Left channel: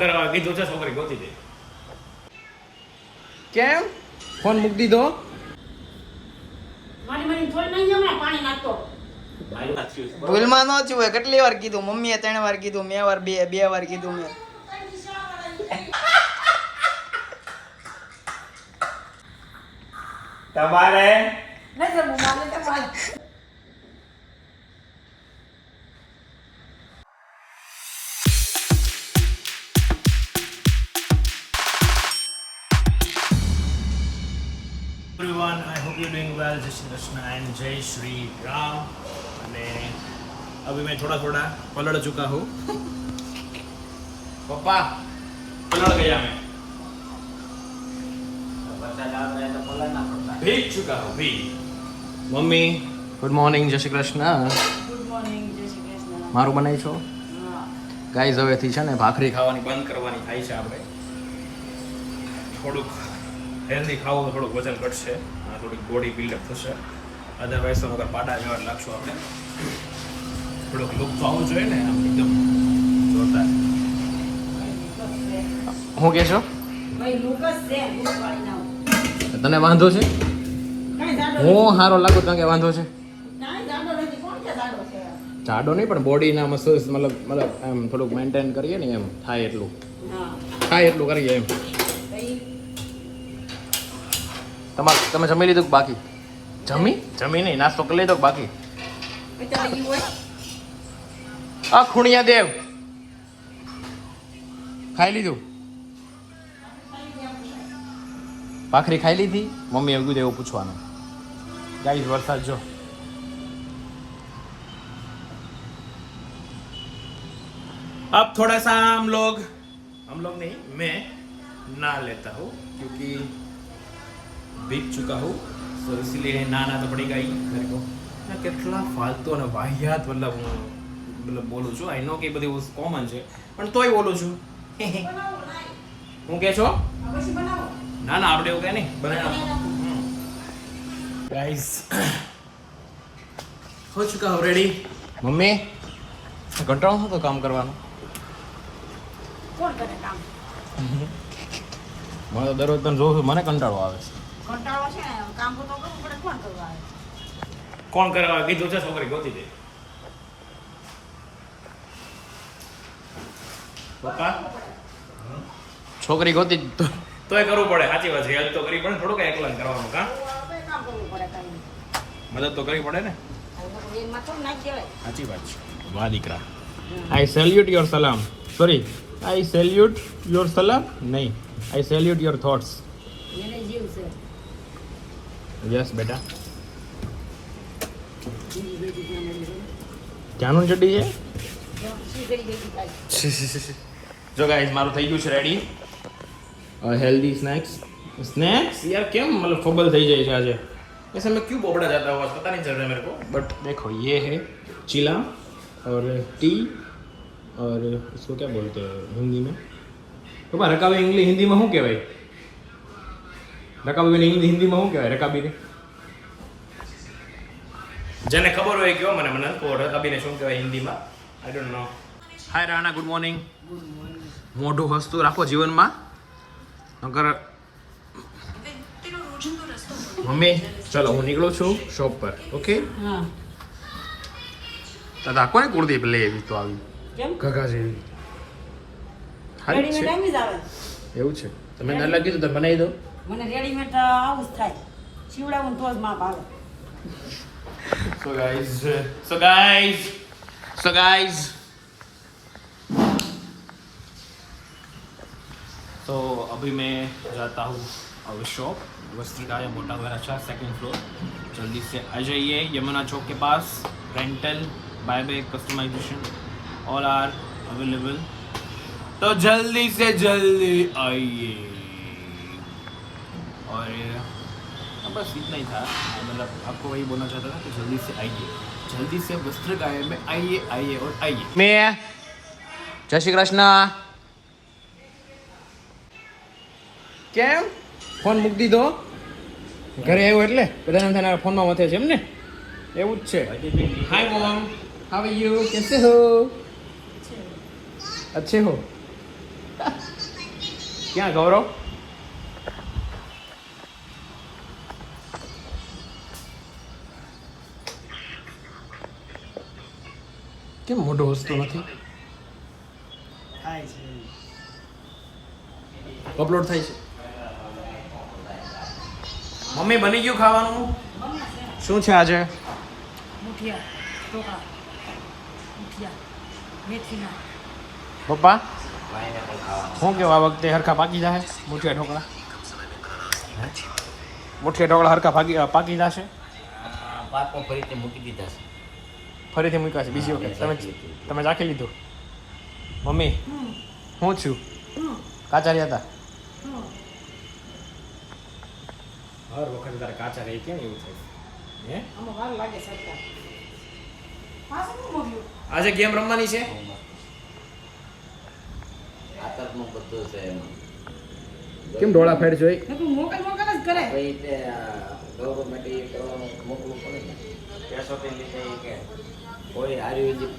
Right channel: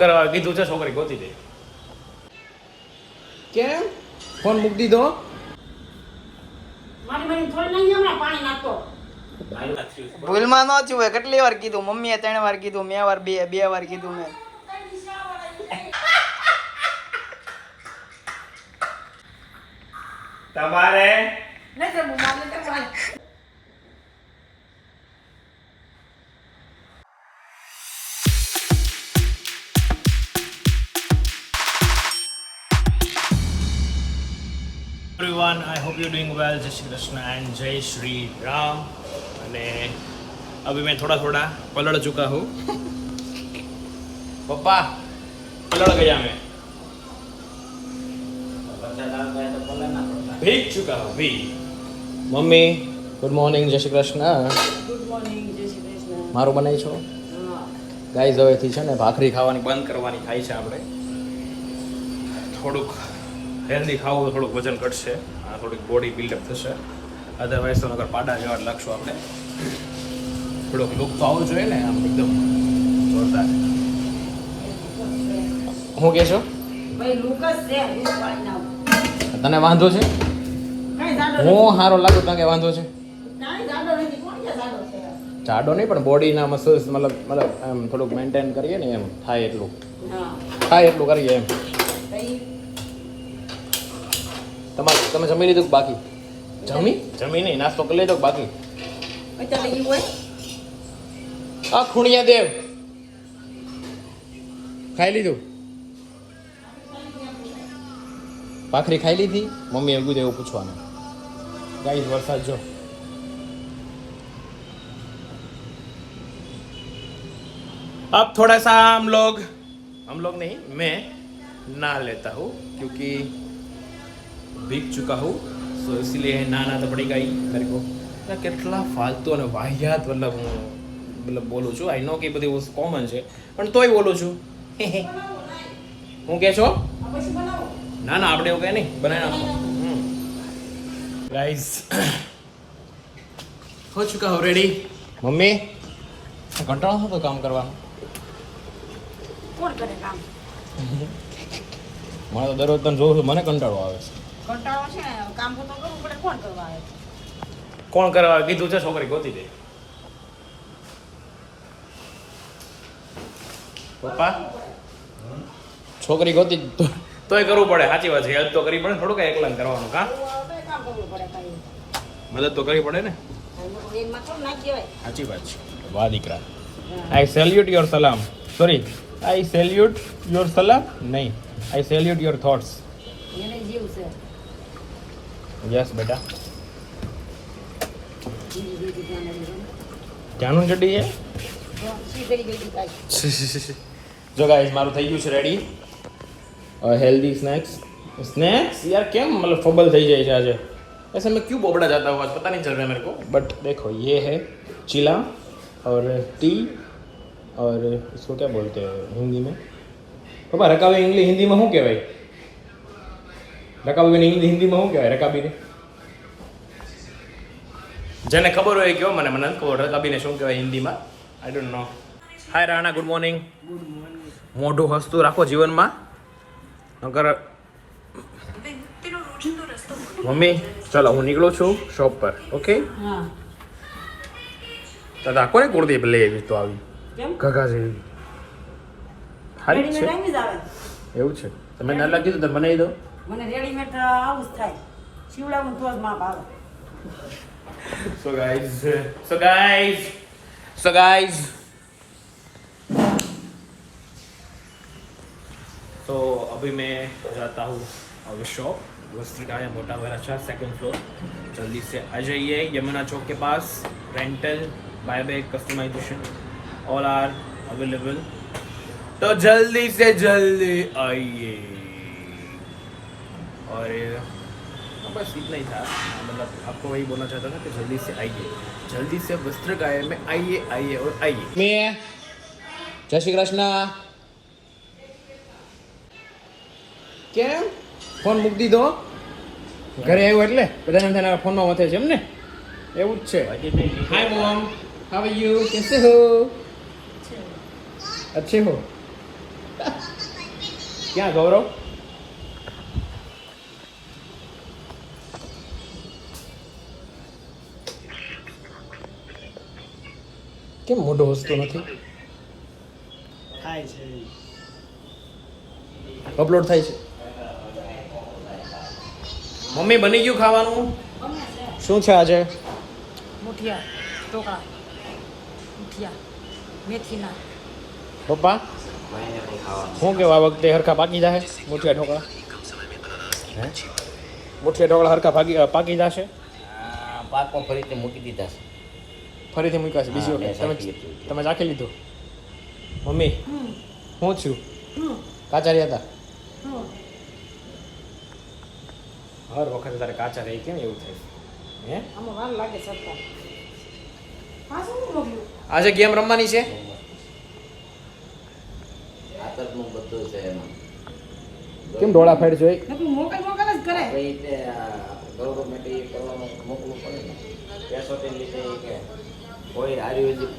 કરવા કીધું છે છોકરી ગોતી દે. કેમ ફોન મૂકી દીધો? ભૂલમાં ન થયું હોય. કેટલી વાર કીધું? મમ્મીએ 3 વાર કીધું, મેં વાર બે વાર કીધું મેં. તમારે everyone, I hope you're doing well. जय श्री कृष्ण एंड जय श्री राम. અને अभी मैं थोड़ा पलट चुका हूँ. पापा पलट गया मैं. भीग चुका हूँ भीग. મમ્મી ગુડ મોર્નિંગ, જય શ્રી કૃષ્ણ. ગુડ મોર્નિંગ, જય શ્રી કૃષ્ણ. મારું બનાવી છો હા. ગાઈઝ? હવેથી છે ને ભાખરી ખાવાની બંધ કરવાની થાય છે. આપણે થોડુંક હેલ્ધી ખાવું, થોડુંક વજન ઘટશે, થોડીક બોડી બિલ્ડઅપ થશે. અધરવાઇઝ તો નગર પાડા જેવા જ લાગશું આપણે. થોડોક લુક તો આવવો જોઈએ ને, આમ એકદમ જોરદાર. હું કે છો? ભાઈ લુકસ છે, લુક પાડી નાખો. તને વાંધો છે? કાંઈ જાડો હું સારો લાગુ તને કે વાંધો છે? કાંઈ જાડો નથી. કોણ કે જાડો છે? જાડો નહીં, પણ બોડીના મસલ્સ મતલબ એમ થોડુંક મેન્ટેન કરીએ ને, એમ થાય એટલું કરીએ એમ. કઈ તમે જમી લીધું કે બાકી? જમી નહીં, નાસ્તો કરી લીધો કે બાકી? પચાસ ઈ હોય. આ ખૂણિયા દેવ ખાઈ લીધું? ભાખરી ખાઈ લીધી? મમ્મી એવું એવું પૂછવાનું. ગાઈસ વરસાદ જો. अब थोड़ा सा हम लोग नहीं, मैं नहा लेता हूँ क्योंकि भीग चुका हूँ, तो इसीलिए नहाना तो पड़ेगा ही मेरे को. કેટલા ફાલતુ અને વાહિયાત મતલબ બોલું છું. આઈ નો કે બધી વસ્તુ કોમન છે, પણ તોય બોલું છું. હું કે છો? ના આપણે એવું કહે નહીં, બનાવી. ગાઈઝ હો ચુકા હો રેડી. મમ્મી કંટાળો થતો કામ કરવાનો? કોણ કરે કામ? મને તો દરરોજ તને જોઉં છું, મને કંટાળો આવે છે. કંટાળો છે ને, કામ તો કરવું પડે. કોણ કરવા આવે? કોણ કરવા કીધું છે છોકરી ગોતી દે? પપ્પા છોકરી ગોતી તોય કરવું પડે. સાચી વાત છે, હેલ્પ તો કરવી પડે. થોડું કઈ એકલા કરવાનું કા? કામ કરવું પડે ખાલી. મદદ તો કરવી પડે ને. એમાં તો ના કહેવાય. સાચી વાત છે. વાહ દીકરા. આઈ સેલ્યુટ યોર સલામ. સોરી, આઈ સેલ્યુટ યોર સલામ નહીં, આઈ સેલ્યુટ યોર થોટ્સ. એને જીવ છે. યસ બેટા. બીજી બીજી જાણવાની છે. ક્યાંનું ચડી છે? તો શું કરી ગઈ ભાઈ? જો ગાઈસ મારું થઈ ગયું છે રેડી. हेल्दी स्नैक्स यार क्या मतलब फबल થઈ જાય છે આજે. ऐसे मैं क्यों बोबड़ा जाता हूँ आज पता नहीं चल रहा मेरे को. बट देखो ये है चिला और टी और इसको क्या बोलते हैं हिंदी में? पापा रकाबी इंग्लिश हिंदी में શું કહેવાય? રકાબી हिंदी में શું કહેવાય? રકાબી જેને ખબર હોય કયો મને મને ખબર. રકાબીને શું કહેવાય હિન્દીમાં? I don't know. Hi Rana, good morning. Good morning. મોઢું હસતું રાખો જીવનમાં. નકર મમ્મી ચલો હું નીકળું છું શોપ પર. ઓકે? હા. દાદા કોને કુર્તી લઈ આવી તો આવી કેમ? ઘઘા જેવી હારી છે રેડીમેડ જ આવે. એવું છે? તમે ના લાગી તો બનાવી દો. મને રેડીમેડ આવું જ થાય. શિવડાવું તો જ માપ આવે. So guys तो अभी मैं जाता हूँ अब शॉप. वस्त्री का मोटा वाला अच्छा 2nd फ्लोर. जल्दी से आ जाइए. यमुना चौक के पास rental, buy back, customization all are available. तो जल्दी से जल्दी आइए. और बस इतना ही था. मतलब आपको वही बोलना चाहता था कि जल्दी से आइए, जल्दी से वस्त्र गाय में आइए और आइए. मैं जय श्री कृष्ण. કેમ ફોન મૂકી દીધો? ઘરે આવ્યો એટલે બધાને તેના ફોનમાં વધે છે એમ ને? એવું જ છે. હાય મોમ, હાઉ આર યુ? कैसे हो? अच्छे हो? ક્યાં ગૌરવ? કેમ મોઢું હસતું નથી? થાય છે અપલોડ થાય છે. મમ્મી બની ગયું ખાવાનું? શું છે આજે? મુઠિયા ઢોકળા મુઠિયા મેથીના પપ્પા શું કે આ વખતે હરખા પાકી જાય મુઠિયા ઢોકળા? મુઠિયા ઢોકળા હરખા પાકી જશે? પાકમાં ફરીથી મૂકી દીધા છે. ફરીથી મૂક્યા છે બીજી વખત? તમે ચાખી લીધું? મમ્મી હું છું કાચા રહ્યા હતા? હર વખતે તારે કાચા રહી કેમ એવું થાય હે? આમાં વાર લાગે સરકાર પાછું મોકલ્યું આજે ગેમ રમવાની છે? આતરનું બધું છે એમાં. કેમ ડોળા ફેડ જોઈ? નકરું મોકલ જ કરે ભાઈ તે ગવર્મેન્ટ એ કરવાનું મોકલવું પડે ને. પેસોથી લીધે એ કે કોઈ આયુર્વેદિક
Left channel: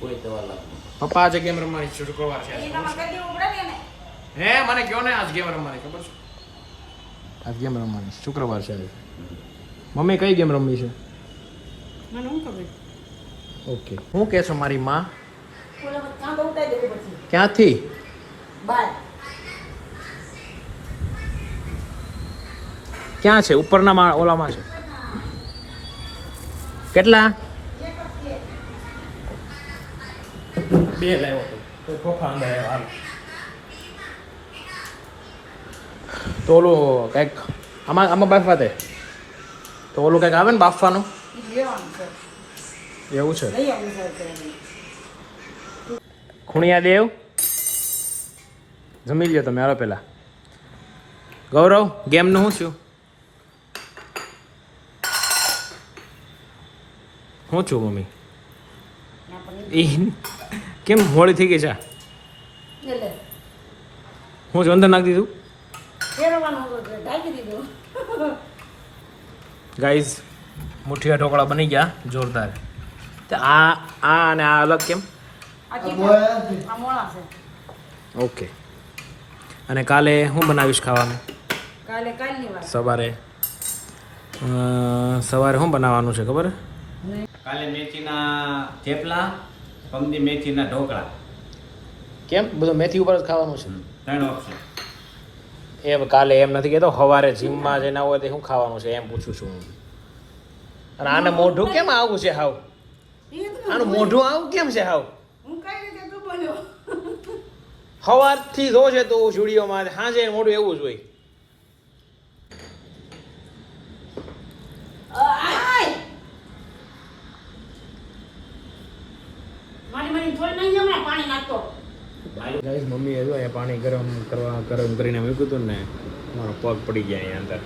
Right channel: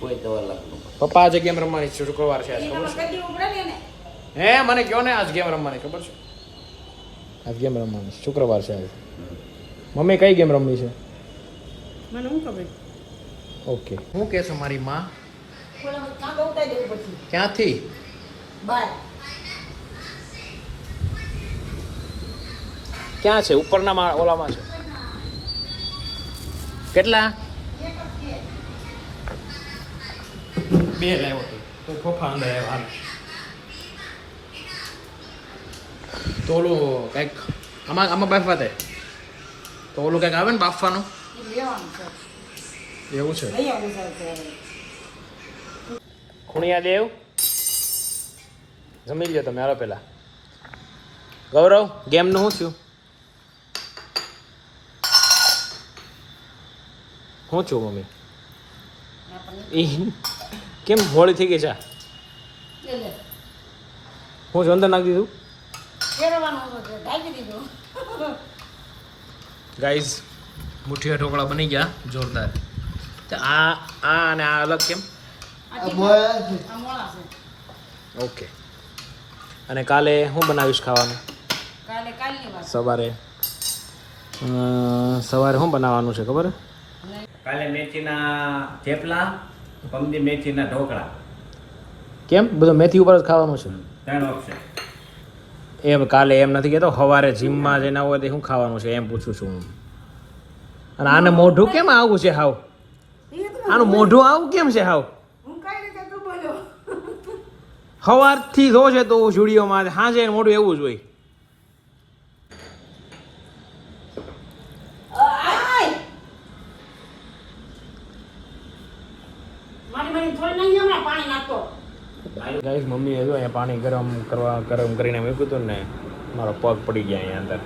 કોઈ દવા લાગતું. પપ્પા આજે ગેમ રમવાની છે શુક્રવાર છે આજ ખબર છે? કરી દેવું પડે ને હે મને કહો ને આજ ગેમ રમવાની ખબર છે? આજ ગેમ રમવાની શુક્રવાર છે આજે. મમ્મી કઈ ગેમ રમવી છે? મને હું ખબર ઓકે હું કે છો મારી માં? ઓલા કાંદો ઉતારી દેવું પછી ક્યાંથી? બાય ક્યાં છે? ઉપરના માં ઓલામાં છે. કેટલા? બે લાવ્યો તો ખોખા અંદર આવ્યો હાલ. તો ઓલું કંઈક આમાં બાફવા દે તો ઓલું કંઈક આવે ને બાફવાનું લેવાનું છે એવું છે. લઈ આવું છે ખૂણિયા દેવ જમી લ્યો તમે હાલો પેલા. ગૌરવ ગેમનું શું છું? શું છું મમ્મી? એ કેમ હોળી થઈ ગઈ છે? એટલે હું જ અંદર નાખી દીધું. ફેરવાનું હતું ઢાંકી દીધું ગાઈઝ મુઠિયા ઢોકળા બની ગયા જોરદાર. તો આ અને આ અલગ કેમ? આ મોળા છે ઓકે. અને કાલે હું બનાવીશ ખાવાનું? કાલની વાત સવારે સવારે શું બનાવવાનું છે ખબર? કાલે મેથીના થેપલા, પંગી મેથીના ઢોકળા, કેમ બધું મેથી ઉપર જ ખાવાનું છે? 3 ઓપ્શન. એમ કાલે એમ નથી કહેતો સવારે જીમમાં જઈને આવો તો શું ખાવાનું છે એમ પૂછું છું હું. અને આને મોઢું કેમ આવું છે હાવ? આનું મોઢું આવું કેમ છે હાવ? હું કઈ રીતે તું બોલ્યો સવારથી જોશે તો સ્ટુડિયોમાં હાજે મોઢું એવું જ હોય. મારી થોડી નહીં હમણાં પાણી નાખતો ગાઈસ મમ્મી એ જો અહીંયા પાણી ગરમ કરીને મૂક્યું હતું ને મારો પગ પડી ગયા અહીંયા અંદર.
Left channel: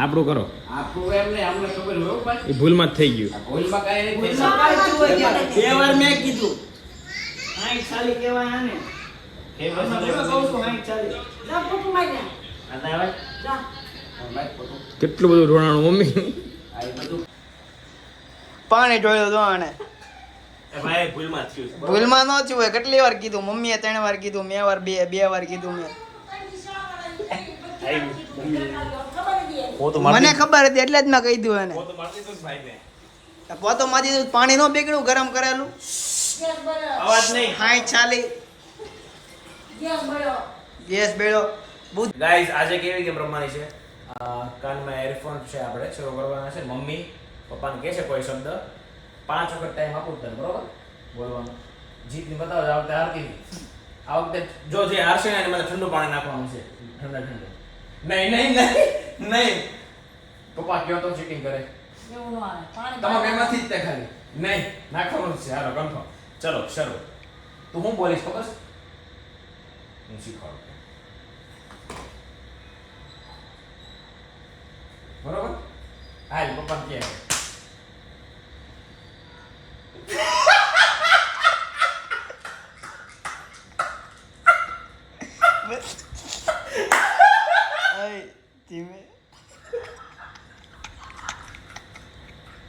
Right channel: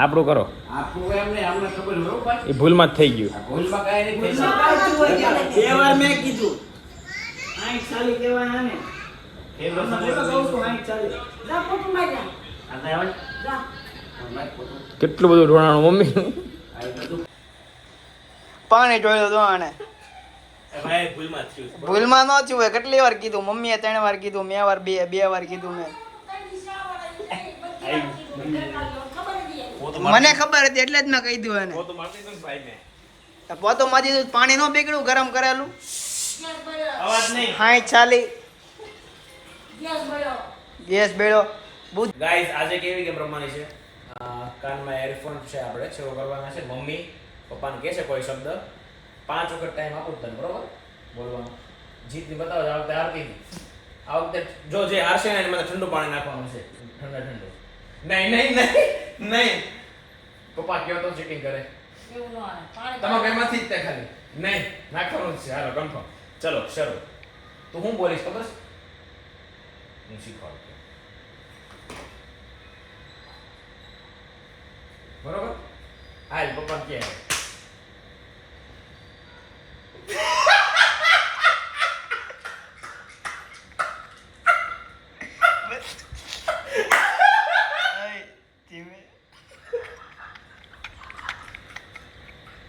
આપણું કરો આપણું એમને અમને ખબર હોય ભાઈ. એ ભૂલમાં જ થઈ ગયું. ભૂલમાં કાંઈ નહીં થઈ બે વાર મેં કીધું આઈ ચાલી કહેવાય આને જા પોતું મારી જા જા કેટલું બધું રોણાણું મમ્મી. પાણી ઢોળ્યું તો આને ભાઈ ભૂલમાં થયું. ભૂલમાં ન થયું હોય. કેટલી વાર કીધું? મમ્મીએ 3 વાર કીધું, મેં વાર બે વાર કીધું મેં. મને ખબર હતી એટલે જ મેં કહી દીધું એને. પોતો મારી દીધું. પાણી ન પીગળ્યું ગરમ કરેલું. અવાજ નહીં. હાઈ ચાલી ગેસ મળ્યો ગેસ બેડો. ગાઈસ આજે કેવી ગેમ રમવાની છે? કાનમાં એરફોન છે આપણે શરૂ કરવાના છે. મમ્મી પપ્પાને કહે છે કોઈ શબ્દ 5 વખત ટાઈમ આપું તને બરોબર બોલવાનો. જીતની બતાવો આ વખતે હારતી નહીં. આ વખતે જો જે હારશે ને એને મને ઠંડુ પાણી નાખવાનું છે. ઠંડુ નહીં પપ્પા કયો તો ચીટિંગ કરે. એવું ન આવે પાણી તમારા બેમાંથી જ તે ખાલી નહીં નાખવાનું જ છે. હાલો કન્ફર્મ. ચલો શરૂ. તું હું બોલીશ ખબર છે? હું શીખવાડું બરોબર. હાલ પપ્પા કે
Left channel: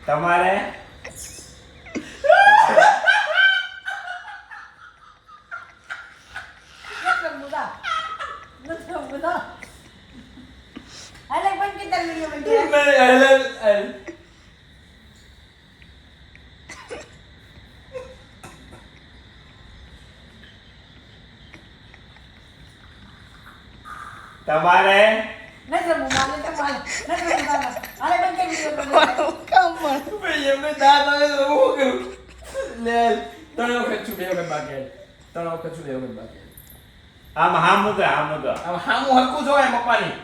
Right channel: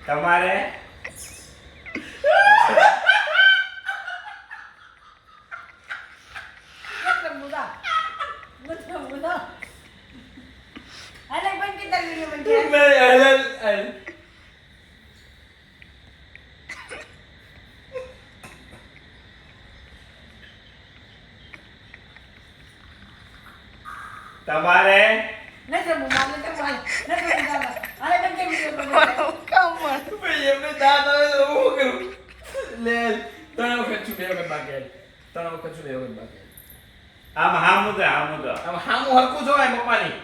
તમારે તમારે નથી રમવું, મારે નથી રમવું, નથી રમવું. હાલે બંધ કરી વિડીયો બનાવો. કામ પર. ભાઈ એમને દાંત આવે તો હું કરું લે 3 વખત છું 2 વખત બાકી આવી. 3 વખત છું 2 વખત બાકી આવી. આમ હામું તો આમ હામું હરકું જોવાય પપ્પાની.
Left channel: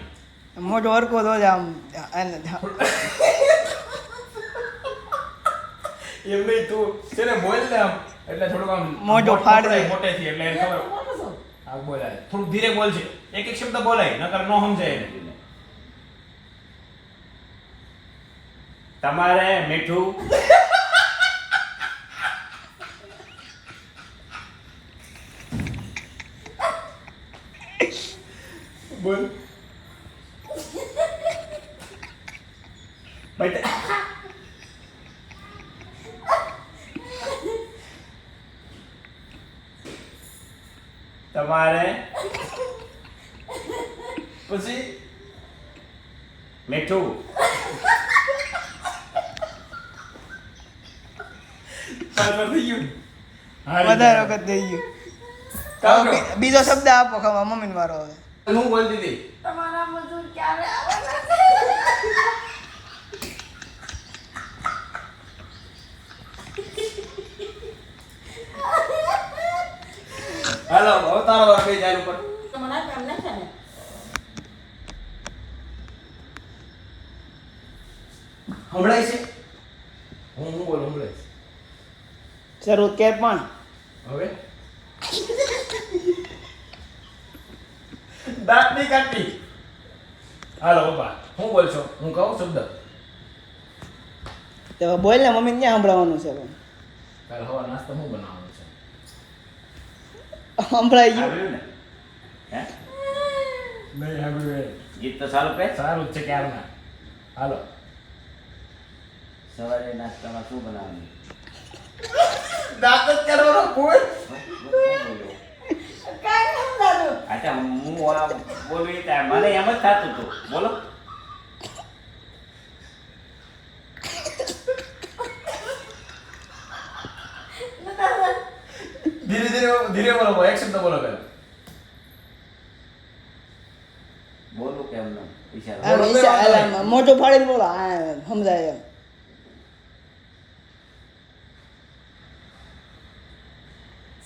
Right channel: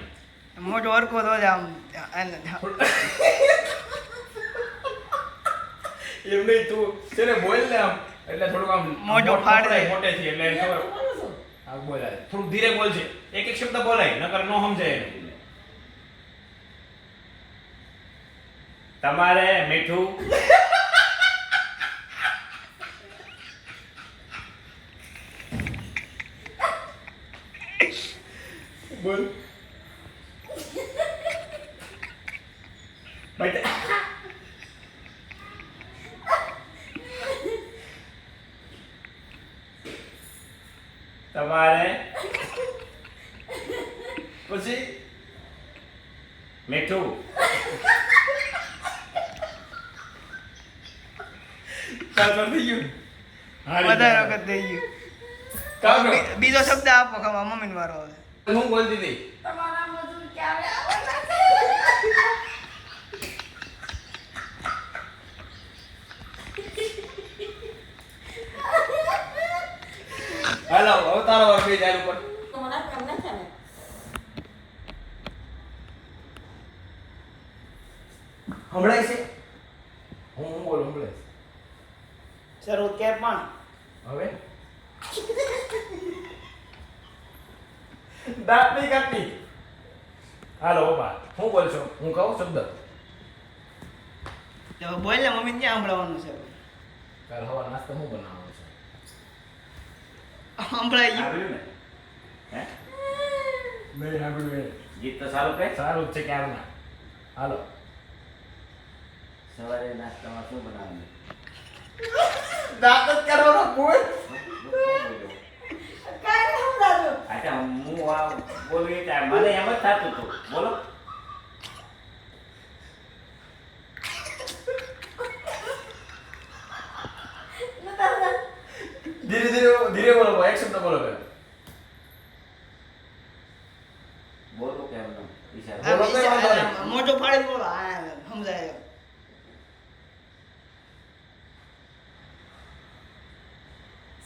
મોટો હરકો તો જ આમ અને એમ નહીં તું છે ને બોલ ને આમ એટલે થોડુંક આમ મોઢું ફાડે. મોટેથી એટલે એને ખબર બોલો છો. હા બોલાય થોડુંક ધીરે બોલ છે એક એક શબ્દ બોલાય નકર નો સમજાય એને. તમારે મીઠું બોલ બટ તમારે પછી મીઠું કામ થઈ ગયું વધારે વખત થઈ ગયું. કામ હવે બીજો શબ્દ આપો ખબર મમ્મીને મારો હવે. હું બોલ દીધી તમારા મજૂર ક્યારે આવવાના છે? હાલો હવે તારો વાર કઈ જાય ઉપર તમારા કામ નથી ને. હમણાય છે હું બોલ હમણાય શરૂ કે પણ હવે દાંત નહીં કાઢતી હાલો પપ્પા હું બોલ છો હું કહું શબ્દ તો બોલ ને મમ્મીને ક્યાં સંભળાવવાનું છે હવે? કાલ હવા નાસ્તો હું બનાવવાનો છે સંભળાઈ ગયું. આવ્યું ને હે નહીં સાંભળ્યું ગીત તો સારું કે સારું જ છે ક્યારના હાલો સવારે નાસ્તામાં શું બનાવવાનું દાંત જ કરવાનો કોઈ કાંઈ નથી સમજાતું. અચ્છા હું આ બોલવી ત્યાં મને એમ જ થતું હતું બોલો ધીરે ધીરે ધીરે બોલો એક શબ્દ બોલો પહેલા બોલું કેમ ન ઈશારો આમ આમ મોટું ફાડીને બોલો હા સમજાય એમ.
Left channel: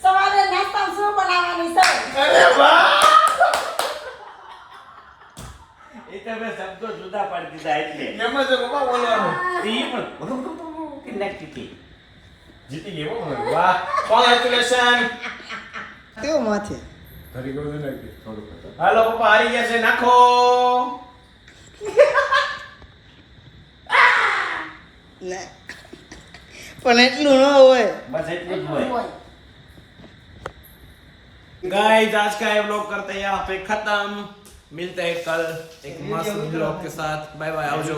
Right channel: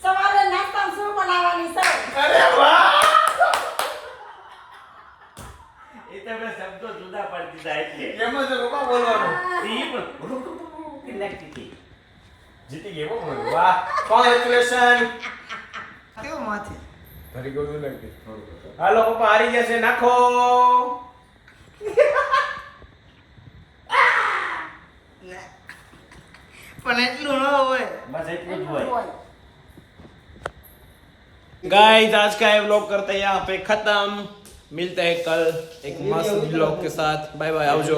સવારે નાસ્તામાં શું બનાવવાની છે? અરે વાહ એ તમે શબ્દો જુદા પાડી દીધા એટલે એમ જ પપ્પા બોલવાનું ઈ પણ કેટલાક તીખી જીતી ગઈ બહુ વાહ કોંગ્રેચ્યુલેશન કેવું માથે તારી ગોળ લાગતી થોડું હાલો પપ્પા હારી ગયા છે નાખો ના. પણ એટલું ન હોય. બસ એટલું જ હોય गाइस आज का ये व्लॉग करते हैं यहाँ पे खत्म मिलते हैं कल एक मस्त व्लॉग के साथ बाय बाय आओ जो